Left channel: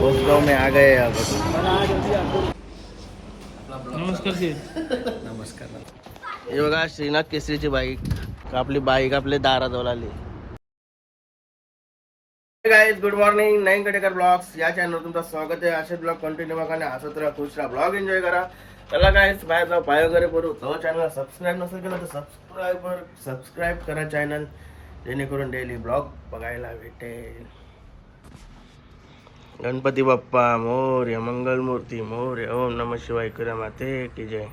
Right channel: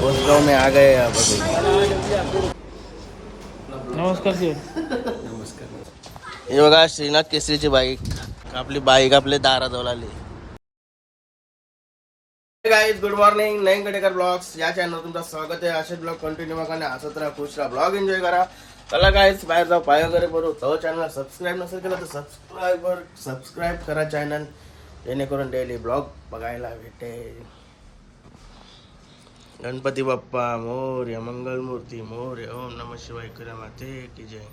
दोस्तों में आ गए अब नमस्कार हे बघा श्रीनाथ केसरीची बाईक आपली बाईक आपले दाराजवळ आली गाईज गुड मॉर्निंग नईन कटेकर ब्लॉग्स. या चॅनल तुमचं स्वागत आहे. असे ब्लॉग कंटिन्यू बघा आणि हसत राहा खुश राहा. ब्लॉग एन्जॉय करा. चला गाईज बाहेर जाऊ पाय वगैरे करू. तो चॅनलला सबस्क्राईब नसेल केलं तर सबस्क्राईब सबस्क्राईब करा चॅनल जेणेकरून डेली ब्लॉग बघायला भेटेल. गणपती बाप्पा मोर्य मंगलमूर्ती मोर्य ओम नम शिवाय करा माते की जय.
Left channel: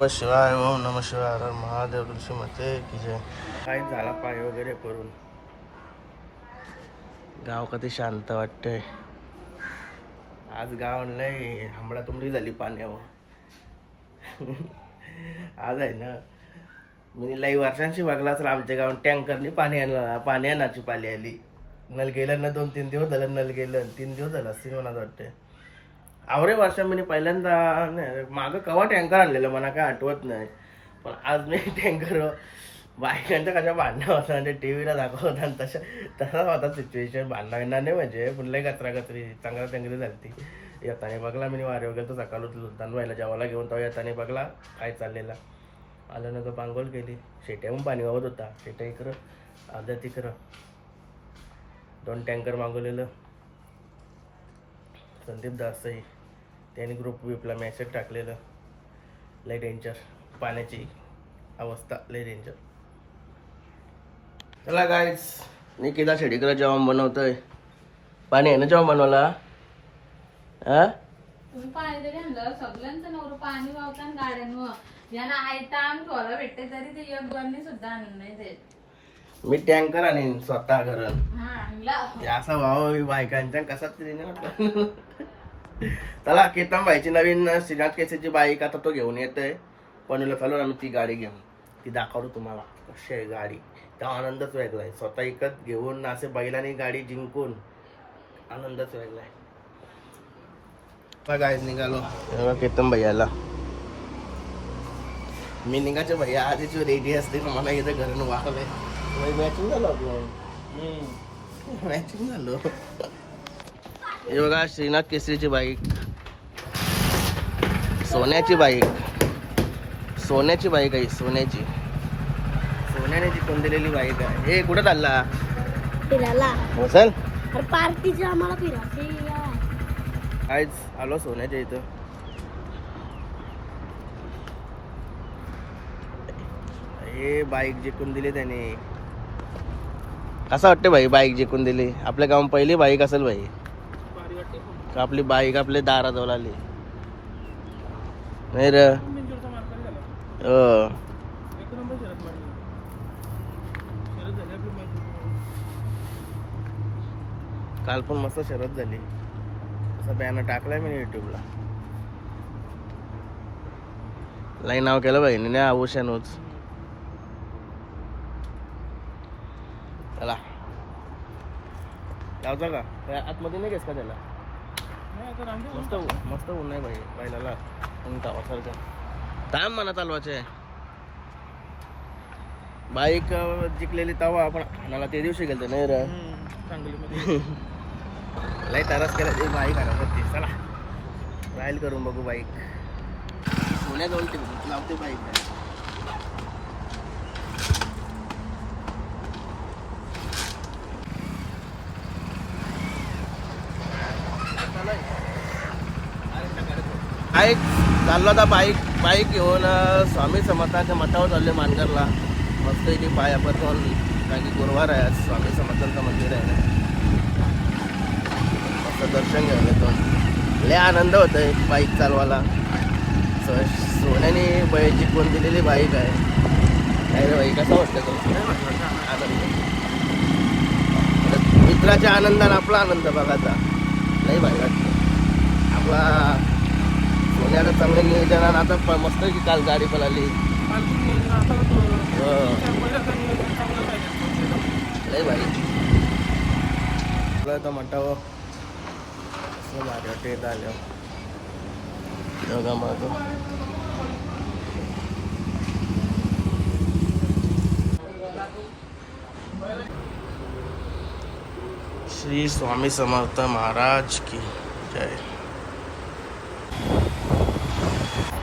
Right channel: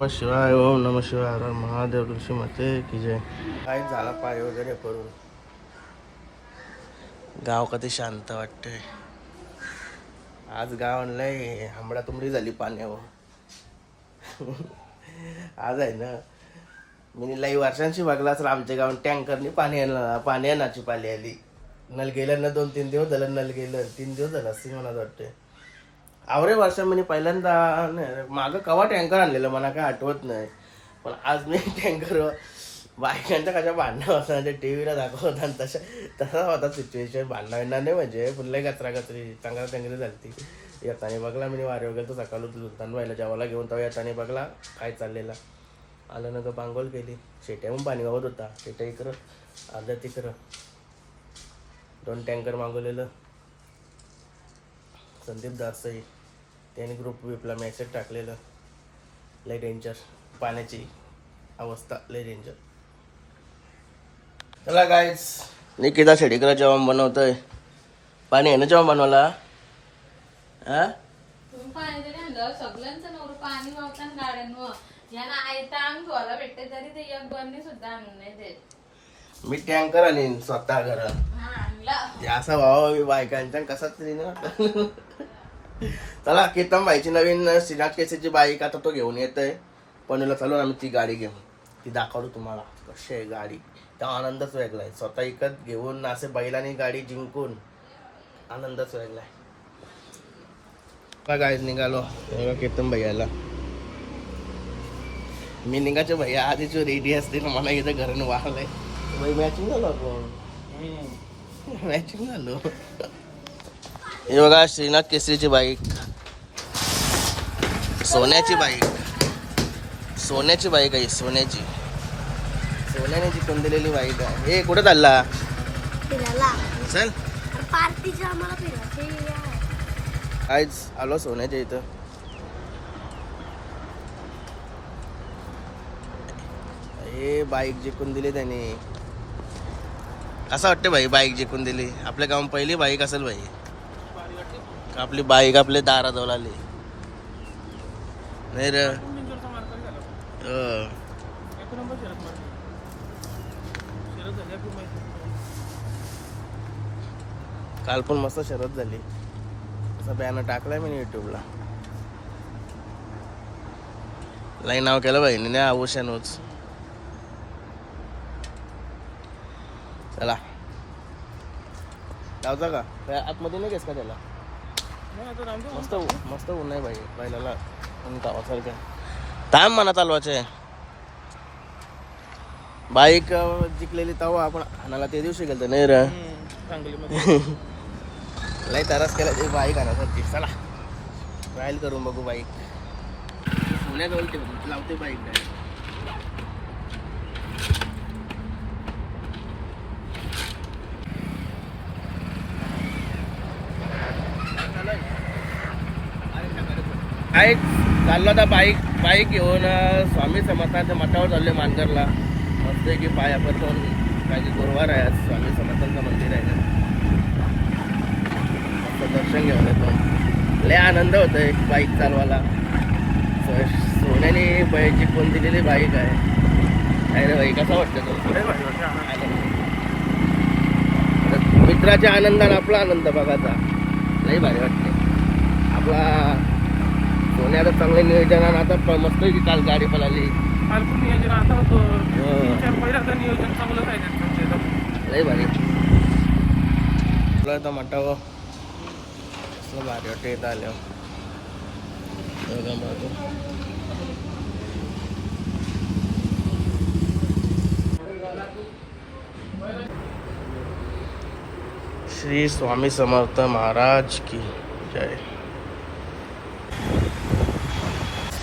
नम शिवाय ओम नम शिवाय महादेव ऋषी माते की जय. काय झाला पाय वगैरे करून गाव कधी शांत वाटतंय? आज गाव लय हमडा तुमडी झाली पाण्यावर. आज आहे ना मी लई वर्षांशी बघला तर आमच्या गावात टँकरनी पाणी आणला पाणी आणायची पाली आली. नल गेलं ना दोन तीन दिवस झालं नल गेलं तीन दिवस झालं असतील मला वाटते आवरे वर्षा म्हणजे पहिल्यांदा नाही मागं कवा टँकर आणलेलं मला काय आठवत नाही. पण आज मी टँकर बायकांच्या कशा भांडणं होता ते टी व्हीला दाखवत आणि तशा तसाच होता सिच्युएशन भांडणं येणार नाही म्हणजे पुन्हा कचरा कचरी चांगला टँकरी झाली येताने बघला मी वारे वगैरे तर सकाळ लुलतान व्हायला जेवायला घेऊन तेव्हा येताने बघला काय चाललेला. आलं नंतर पांगोल केली शेट्याहून पाणी वाहत होता. शेट्या इकडं आलं तिकडं. दोन टँकर मागवलेलं. संदीप दासई त्याने ग्रुप विपला मेसेज टाकलेलं. लय डेंजर पाण्याची अवस्था लय डेंजर चला गायज निकिता शेडीकर जेवण बनवतोय. पाणी आहे ना जेवण बनवायला? हा? तुम्ही पाणी तरी आणलं सगळ्यांचं नवर पाणी वावतान गाड्यांवर. यांना आयता आम्ही घोला भेटते तरी ते एक बरणी सुद्धा आणून नाही देत. मी टँकर आणीन स्वतः घरून. असा भावा मी बायकांच्या कसा तरी ना. चला केतन भाईची नवीन श्रीनाथ केसेची बाईक आता तो घेऊन येतोय. पणला चालून आम्ही ती गाडी घेऊन. ती दाखवतो तुम्हाला. कशी आहे गाडी. त्या आनंदच वेगळा आहे. स्वतः इकत घेऊन असे बैलांनी गाडी जिंकून आनंदच वेगळा आहे. गाडी निघालो. केतन भैयाला. मी निघाचे भैया आधीच रेडी असते मला इथं घरून वाहलंय. मॅचिंग झालो आपण मॅचिंग झालो. हे बघा श्रीनाथ केसरीची बाईक. सोन्याची बाईक. सोन्याची बाईक आहे सोन्याची. सोन्याने जिंकून दिलेली बाईक आहे. हे कुठे चालला? फिरायला. हो चल. तर पार्टीची आम्हाला फिरायची आज आलो सोन्याच्या इथं. हे बाईक जिंकून दिली त्याने. कसं वाटतं भाई बाईक जिंकून दिली? आपल्या गावात पहिली बाईक असेल भाई. का आपली बाईक आपल्या दाराजवळ आली? नाही र. हो. काल पण मस्त शरद झाली. असा बॅनर टाकलाय मी युट्यूबला. लाई नाव केलं बहिणीने आभूषणच चला लावता का? त्या आतमध्ये नाही घेस का त्याला? मस्त मस्त ऊन आहे भाई पहिल्याला ऊन कावासारखं थांब म्हणा चालवाचे बाईक जिंकलेली तवा आपण आणायला ते दिवशी गेलतो नाही र? लय तरस केला ते बाईक आणायसाठी. चला ट्रायल करून बघू बाईक. पुण्याजवळ ठेवून लावते बाईक काय बाईक चाललो आता बाईक बाईक घेऊन स्वामी समर्थांच्या मठावर चालले मानगरला. मस्त की पाय आपण कारण की गुरुवार आहे आज स्वामी समर्थांचं मंदिर आहे ना. मस्त दर्शन घेऊन येतो लय आनंद होतो एक बाईक चालवायला. स- सोन्याने बाईक जिंकून दिलेली बाईक आहे. काय रे बाई कसं वाटतं तो? आनंद. तर मित्राच्या आनंदाने आपला आनंद बघायचा. लय भारी वाटते आपला सोन्याला चांगलं नियोजन आता मस्त काल गाडी पळाली. लय भारी. आपलं आता मटावं कसलं भारी वाटतं येत श्री स्वामी समर्थ महाराज की मजा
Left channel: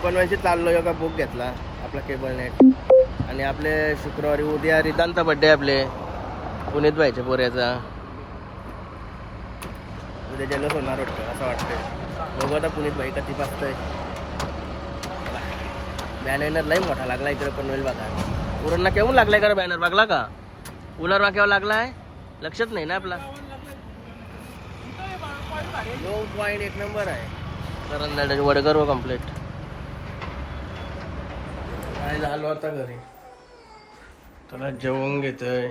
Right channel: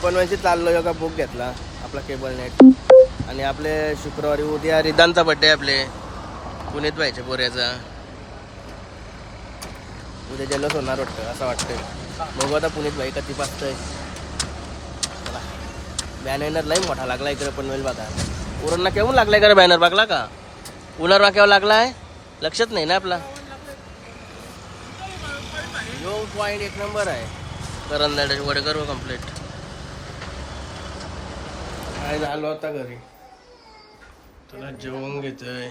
पण पनवेलची चाललो योगा बुक घेतला आपला केबल नेट आणि आपले शुक्रवारी उद्या रिदानचा बड्डे आपले. पुण्यात व्हायचे पोऱ्याचा. उद्या जल्लोष होणार होतं असं वाटतंय. बघू आता पुण्यात भाई कधी पाचतंय बॅनर लई मोठा लागला इकडे पनवेल बघा. उरणला केव्हा लागलाय इकडे बॅनर बघला का? उन्हार वाक्यावर लागलाय? लक्षात नाही ना आपला. यो पॉईंट एक नंबर आहे. करंदाड्याचे वडकर व कंप्लीट काय झालो आता घरी? त्याला जेवण घेतोय.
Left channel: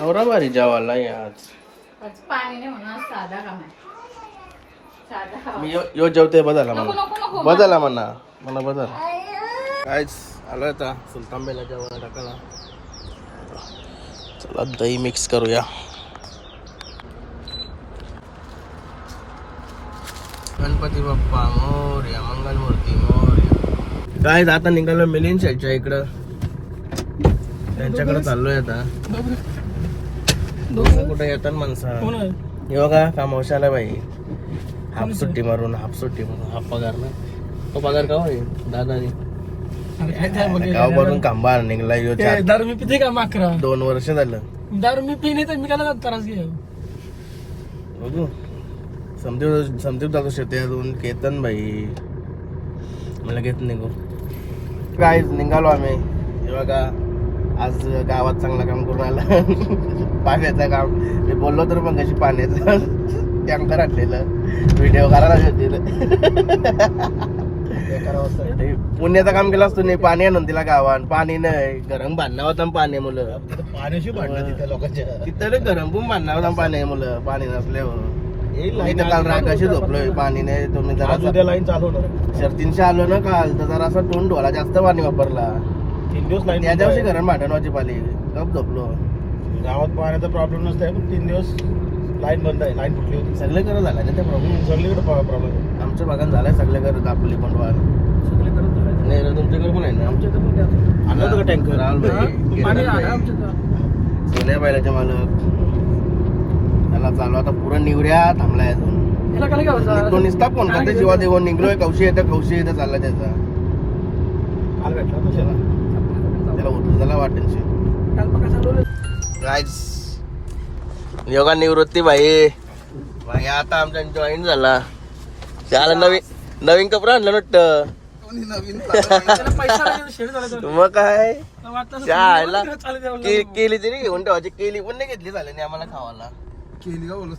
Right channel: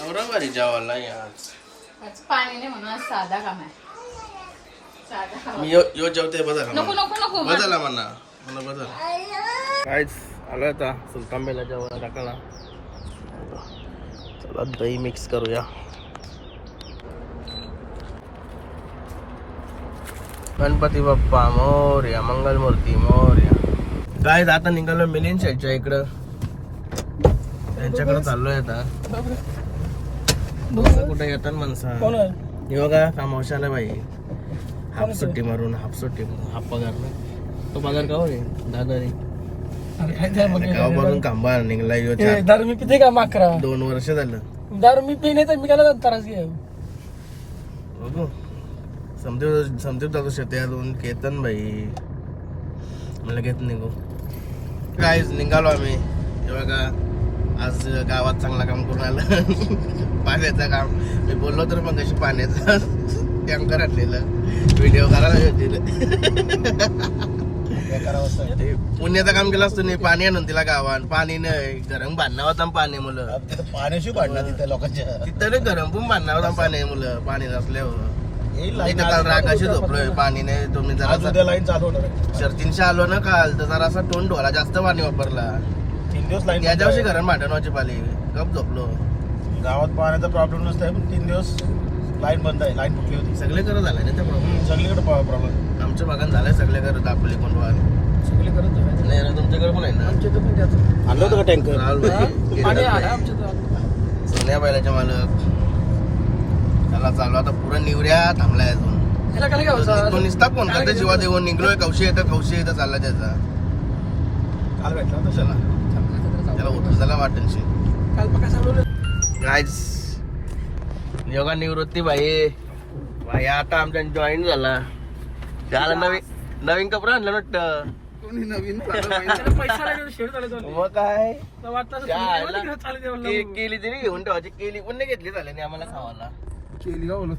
आवरा भारी जेवायला आहे आज आज पाणी नाही म्हणून आज साधा काम आहे. साधा काम. मी यो यो जेवते बदला नको म्हणा. नको नको. बदला म्हणा. मला बदल. कायच आलो आता. सुलतान बेला जेवायला टाकायला. चला दही मिक्स करूया. गणपती बाप्पा मोर्या मंगलमूर्ती मोर्या. काय आता निघालो मिलिंद शेटच्या इकडं. त्यांच्याकडे चाललोय आता. दोघं कुठे येतात माणसं? बघा कामवशाला बाई. हाफ सुट्टी मारून हाफ सुट्टी मारून. हाफ पगार ना. तो पगार का होय? दादानी. गावापासून खांबा निघला ह्यो चार. दारू मी पिते का माकरा दोन वर्ष झालं. दारू मी पिणे तर मी त्याला त्रास घे बघू. समतीव समतीव जातो शेतातून केतन बाई मला घेत गो. काय निघालो आम्ही. बघा आज गावात चांगलं काम करून आलं. पाण्याचं काम. मी बोललो तर मग कशी पाण्याचं टँकर आणलेलं. व्हिडिओ करायला होतील पुण्याचं काम केलं असतं नाही पाणी आणून तिला गावात. पाणी नाही. गरम बांधणं होता पाणी मुलं. पाण्याशी भांडणं तिथे लोकांच्या तिथं गरम पण बांधणं होता पाणी मुलं. पाणी नसल्यावर. मी तर काल राग कशी झोपलोय पाणी नाही तुम्ही जरा लाईन चालू होणार आहे. आलो ना काल तर जरा असा तोंड ढोला जास्त पाणी वापरला. तीन दिवस लाईन त्या दिवशी घरात भांडणवाची पाली. गप झोपलो. गावात पाण्याचा प्रॉब्लेम नसतंय पण तीन दिवस लाईन बंद आहे लाईन होती. सगळे करत झालं ना ते प्रॉब्लेम सगळीकडे प्रॉब्लेम आमच्या भागात झालंय सगळे करत आपली कोंडवाल सगळे करत नाही रे तुमच्याकडे पण आहे ना? आणलं होतं का टँकर? राहुल भाई सोन्या बैलाचे मालक. त्याला चालू. आता पुरा निवऱ्या थांबलाय अजून. तो निसता फोन करता जेव्हा देऊन निघलोय कौशी येतं कौशी येतं चालला त्याचा. त्याला उतरताला वाटेल काल गाईस योगा निवृत्ती भाई भाई आता आमच्या जॉईन झाला. झाला नवीन नवीन कपडा आणलं वाटतं पैसा लागेल, शेड झाला तो. मग काय. केली तरी घेऊन ठेवायची. केली पण नाही घेतली झालं नाही आम्हाला खावाला. केली का बोलत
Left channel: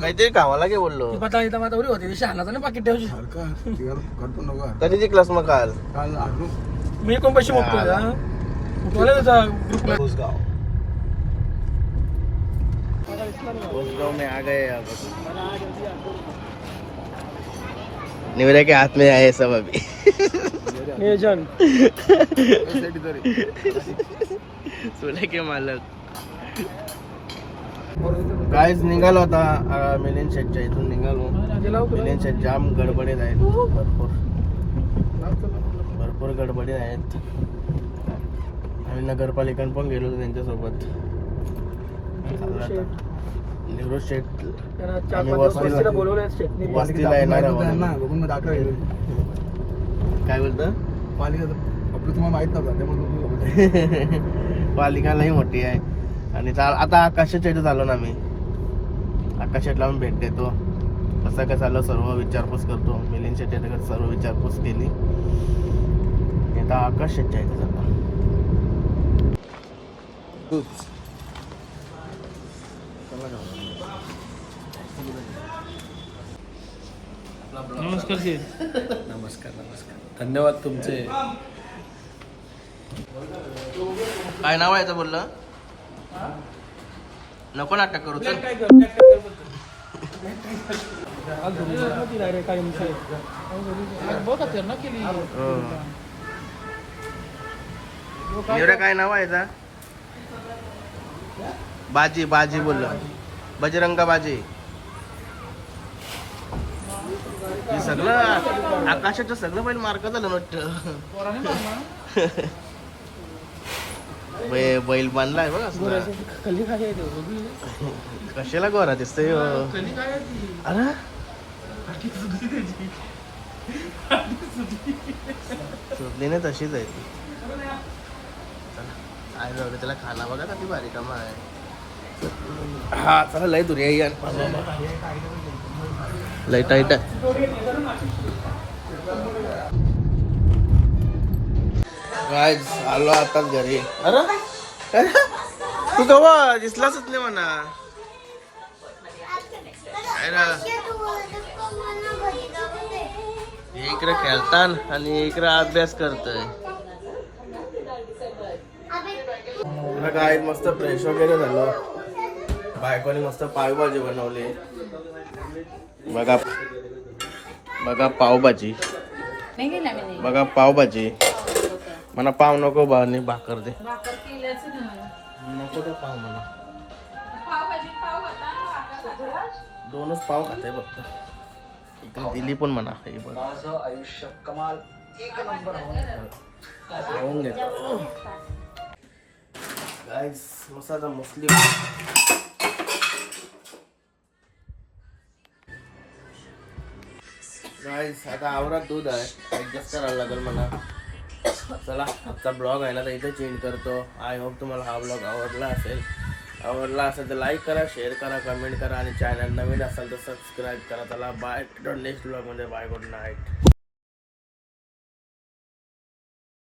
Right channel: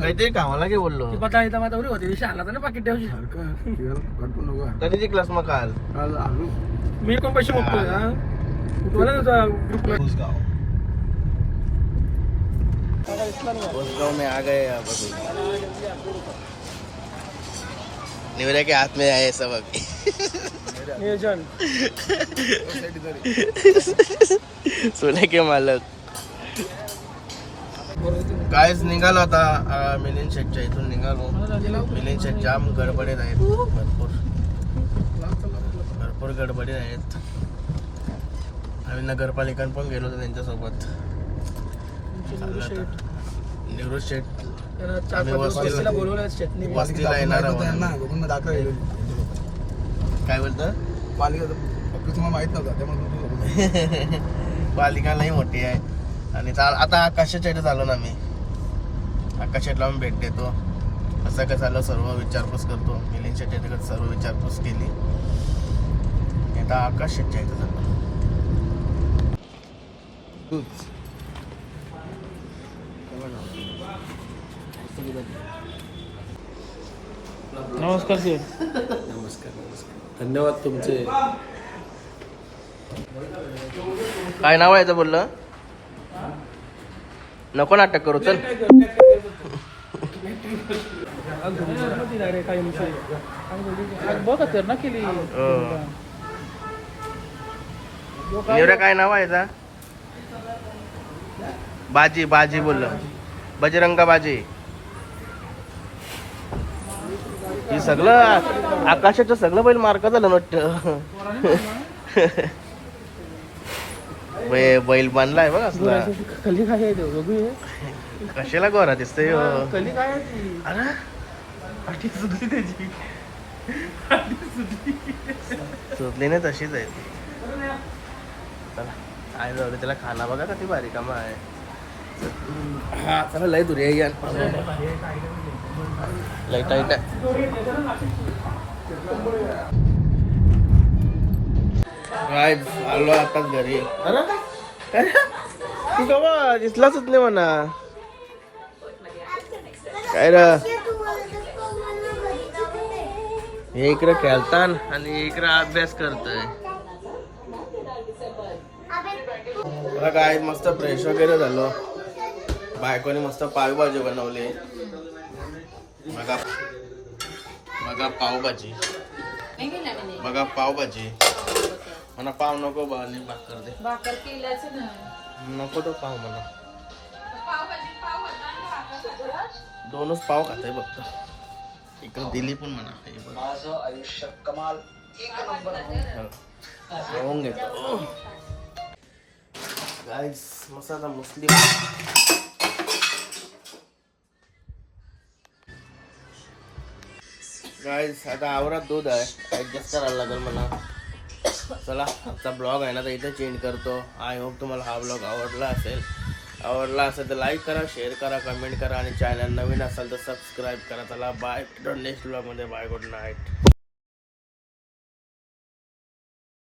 काहीतरी खावाला घे बोललो? ती बता इथं मातावरी होती. नाही पाकिट ठेवची कधी जिंकलास मग काल? मी कोण पैसे हा? उठवलं त्याचा ग्रुपला गाँव में आ गए निवरा के हाथ में आए सब अभी। एजंट सोने के मालक। कायच निघालो आता अं, मिलिंद शेटच्या इथून निघालो. मिलिंद शेट जाम गडबडीत आहेत. भरपूर. भरपूर गडबडीत आहेत. आम्ही नगरपालिकान पण गेलो होतो त्यांच्यासोबत. निवृत्त शेट. आम्ही वस्तीला वस्तीला येणार काय बोलतं? पालिका तुम्हाला माहीत नव्हता. पालिका लई मोठी आहे. आणि चाल आता आकाशच्या इथे चाललो ना मी आकाशातला आम्ही भेट देतो. कसं काय चाललं सर्व विचारपूस करतो. मिलिंद शेट्टी सर्व विचारपूस केली. आता आकाश शेटच्या इथे चाललो नमस्कार सर नमस्कार नमस्कार. धन्यवाद तुमचे. काय नाव आहे याचं बोललं नको नाटक करू चल. केली नेवऱ्या काय नाव आहे याचा बाजी बाजी बोललं. बजरंगा बाजी. ही सगळं आकाशाचं सगळं बैल मार्क झालं वाटतं. बै- बैल बांधलाय बघ असला कली काय आहे ते? बघू. कशाला गोरा दिसतोय ह्यो? कली काय आहे ती? अरे झोपली नाही तशीच आहे ती चला आहे जाऊ दे त्याला खाना बघा किती भारी कामा आहे हा चला लय दूर बाबा लय टाईट आहे आलो आता घरी. अरे? अरे, तू कवा दिसलाच नाही म्हणा? काय रे? हे इकडे खेळतान आणि इकडे अभ्यास करतोय. मला काय मस्त फ्रेश वगैरे झालो. बायकोने मस्त पावभाजी बनवली. बघा बघा पावभाजी. बघा पावभाजी. मला पाव नको भावनी भाकर दे. भाकर नको तो पाव मला. दोनच पाव खाते फक्त. इकडे दिली पण म्हणा हे बघ. जेवून घेतो गाईस मसाला मुस्लिम. गाईस आता आवरात दूध आहे. ऍडजस्ट करायला लागेल मला चला आजचा ब्लॉग आहे ना तर इथं चेंज करतो. आय होप तुम्हाला हा ब्लॉग आवडला असेल. आवडला असेल तर लाईक करा शेअर करा कमेंट करा आणि चॅनल नवीन असाल तर सबस्क्राईब करा. चला बाय नेक्स्ट ब्लॉगमध्ये बाय गुड नाईट